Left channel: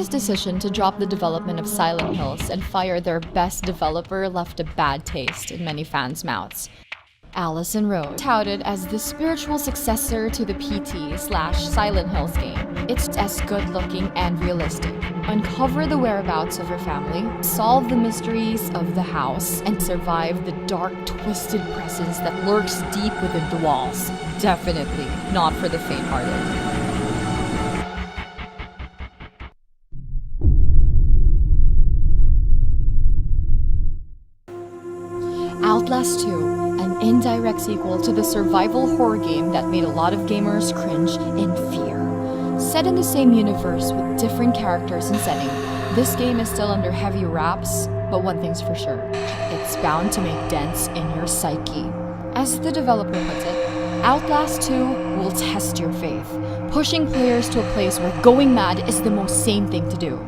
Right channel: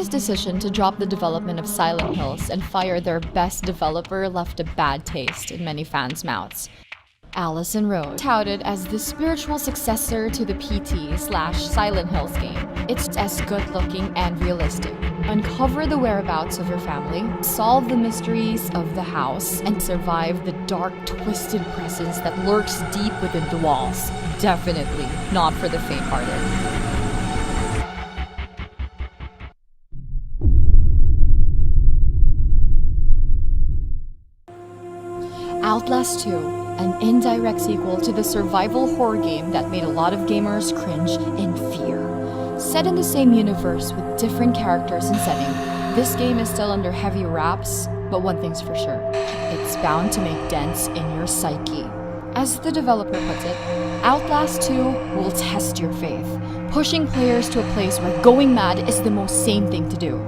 Sony's decision to drop the development of Silent Hills and fire their best developer left a bad taste in many fans' mouths. Allison Road, touted as the spiritual successor to the PT/Silent Hills game. It's as good-looking and realistic. Uncover the whereabouts of your family, solve the mysteries of the house, and survive the dark, twisted presence that lurks deep within the walls. Definitely not for the faint-hearted. Outlast 2, an indirect sequel to the survival horror game that made a lot of gamers cringe in fear. Set in the same universe with different characters and setting, this game is still under heavy wraps, but one thing's for sure, it's bound to make dents in your psyche. As the developer puts it, Outlast 2 will test your faith, pushing players to a place where going mad is the most sane thing to do.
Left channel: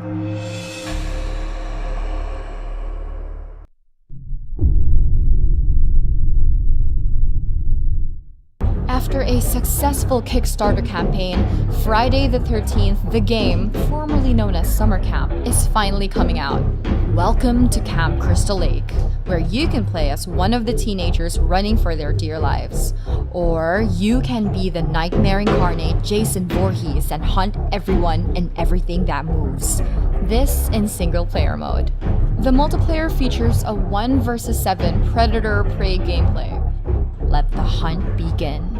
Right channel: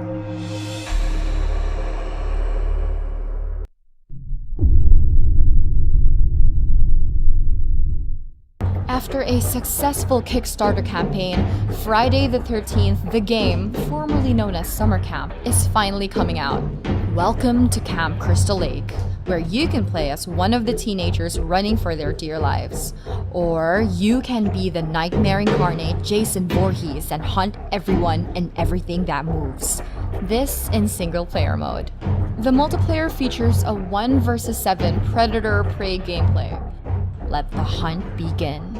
After a successful Kickstarter campaign, Friday the 13th, the game, formerly known as Summer Camp, is finally coming out. Welcome to Camp Crystal Lake, where you can play as one of the teenagers running for their dear lives. Or you can be the nightmare incarnate Jason Voorhees and hunt everyone and everything that moves. This in single-player mode. The multiplayer features a 1 vs 7 predator-prey gameplay. Let the hunt begin.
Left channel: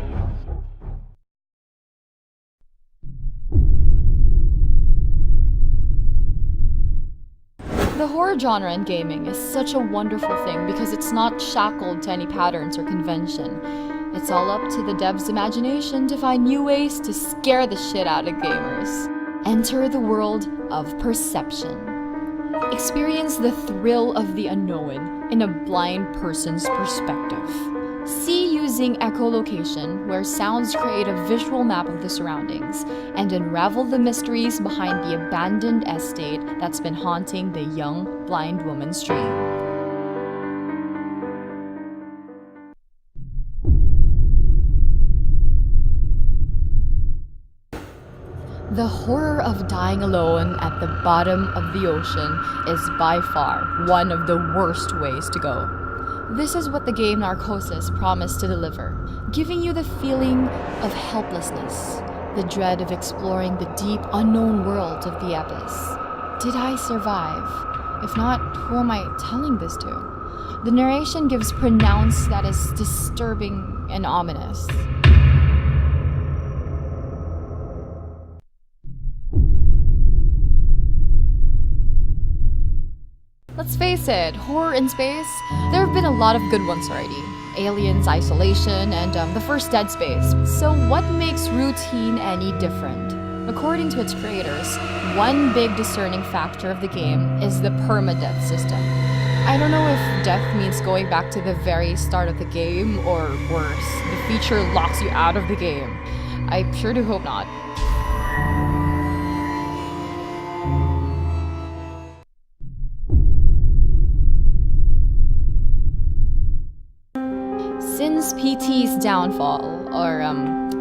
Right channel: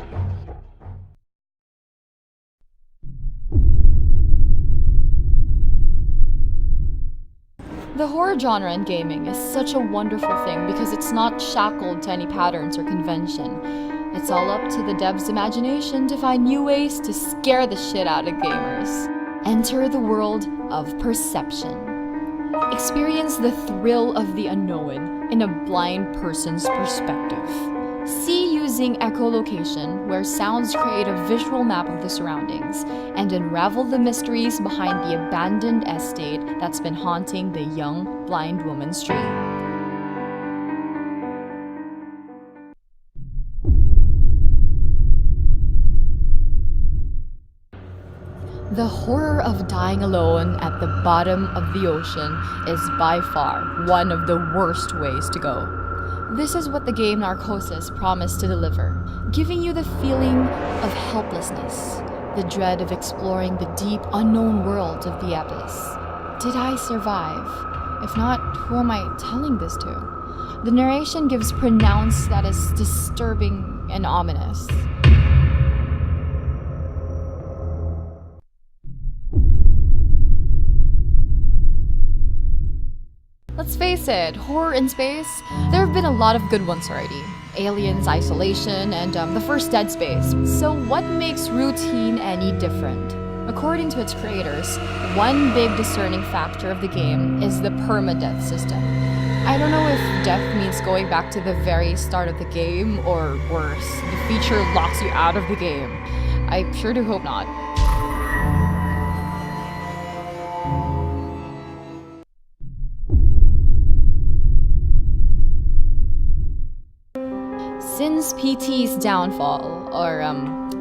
The horror genre in gaming is such a wonderful thing because it's not shackled to any patterns or convention. It's all up to the dev's imagination to find new ways to scare the shit out of gamers. Enter the world of perception. Experience the thrill of the unknown in a blind person's perspective. See using echolocation, where sounds create a visual map of the surroundings, and unravel the mysteries behind the abandoned estate that's been haunting the young, blind woman's dream. The horror of dying alone at the bottom of the ocean is by far one of the worst ways to go. This is what the game Narcosis promised to deliver, giving you the feeling of helplessness, the dread of exploring the deep, unknown world of the abyss. Did I survive? If not, who am I telling this to? The narration gives pronouns that is disturbing and ominous. Let's face it, horror in space, there have been a lot of good ones already. Aliens, Isolation, and the first Dead Space. So what makes routine any different? According to its creators, one big discerning factor of the game is the permadeath system. I don't know if death means going back to the very start of the game, or worse, the feature locks you out of the game. I sure do hope not. Since PT's downfall, or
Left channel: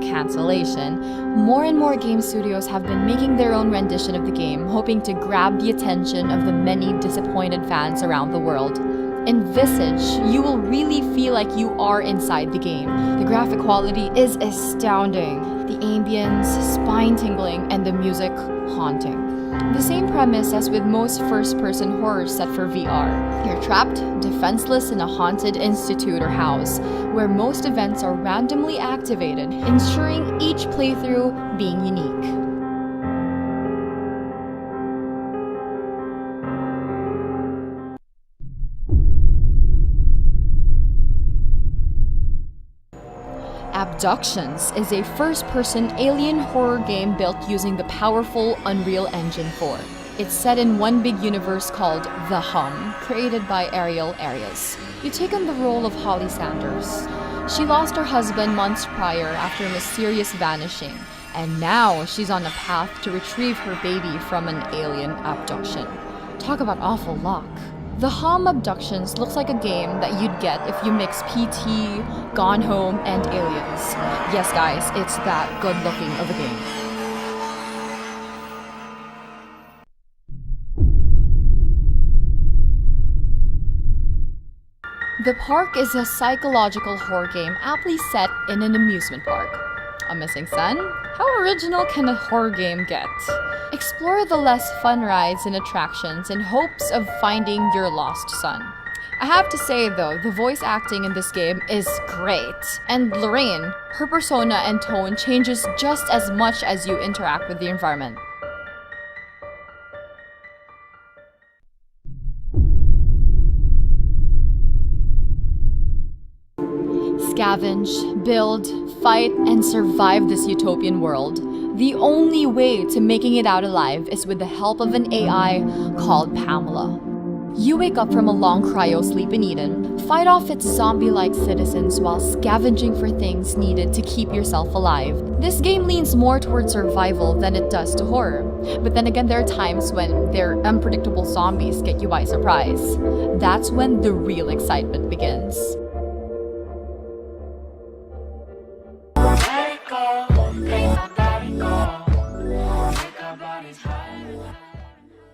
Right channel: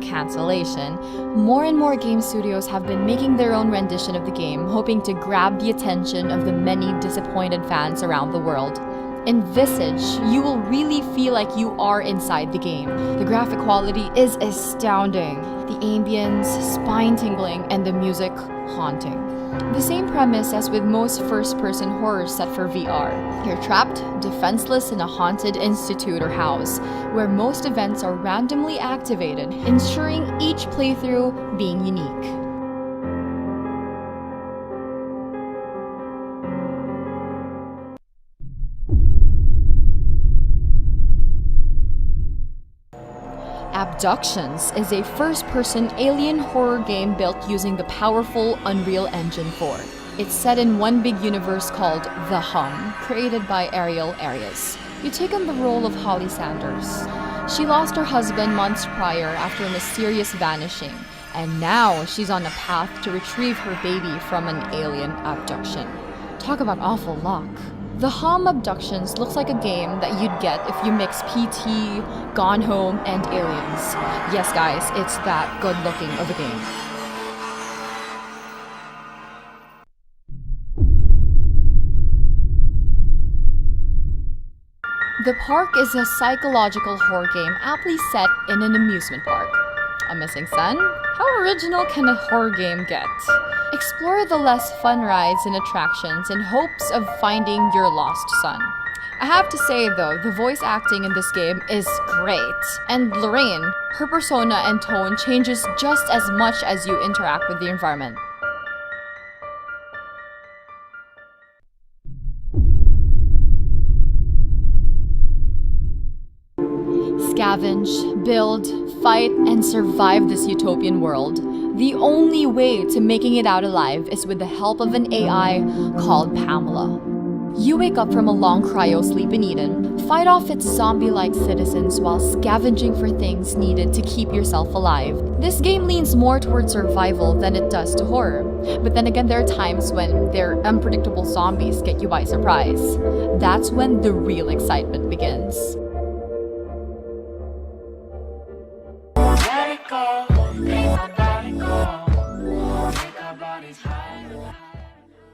cancellation, more and more game studios have been making their own rendition of the game, hoping to grab the attention of the many disappointed fans around the world. In Visage, you will really feel like you are inside the game. The graphic quality is astounding, the ambience spine-tingling, and the music haunting. The same premise as with most first-person horrors set for VR. You're trapped, defenseless in a haunted institute or house, where most events are randomly activated, ensuring each playthrough being unique. Abductions is a first-person alien horror game built using the powerful Unreal Engine 4. It's set in one big universe called The Hum, created by Ariel Arias. You take on the role of Holly Sanders. She lost her husband months prior after a mysterious vanishing, and now she's on a path to retrieve her baby from an alien abduction. Talk about awful luck. The Hum Abductions looks like a game that you'd get if you mix PT, Gone Home, and Aliens. Yes guys, it's that good looking of a game. The Park is a psychological horror game aptly set in an amusement park. A missing son? How original can a horror game get? Explore the less fun rides and attractions in hopes of finding your lost son. I have to say though, the voice acting in this game is great. And Lorraine, her persona and tone changes just as much as you interact with the environment. Scavenge, build, fight, and survive this utopian world. The only way to making it out alive is with the help of an AI called Pamela. You wake up from a long cryo sleep in Eden, fight off its zombie-like citizens while scavenging for things needed to keep yourself alive. This game leans more towards survival than it does to horror. But then again, there are times when their unpredictable zombies get you by surprise. That's when the real excitement begins.